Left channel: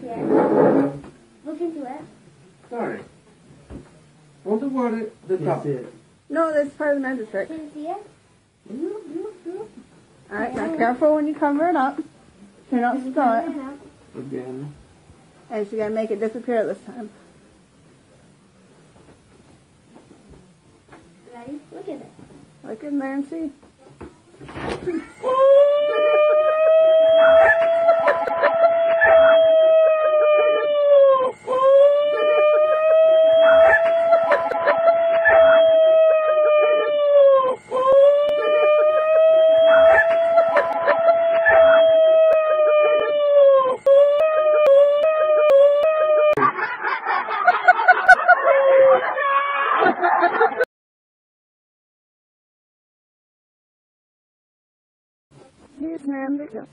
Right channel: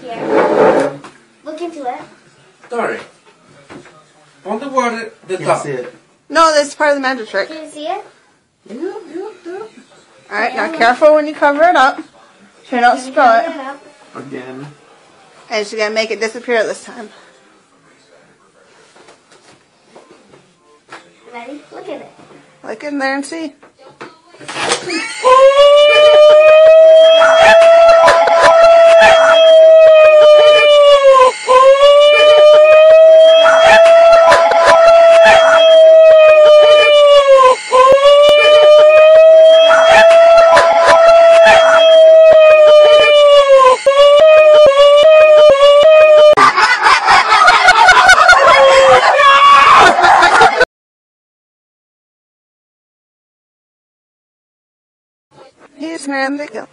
Here. Look into it. Sorry. On the water, the top. See it. No, that's part of the magic trick. Can you see it? Yeah. Alright, now careful when you cover it up. So you don't spill it. Again. And she's going to make it disappear this time. Ready? Look at it. Look in there and see. Here's where they go.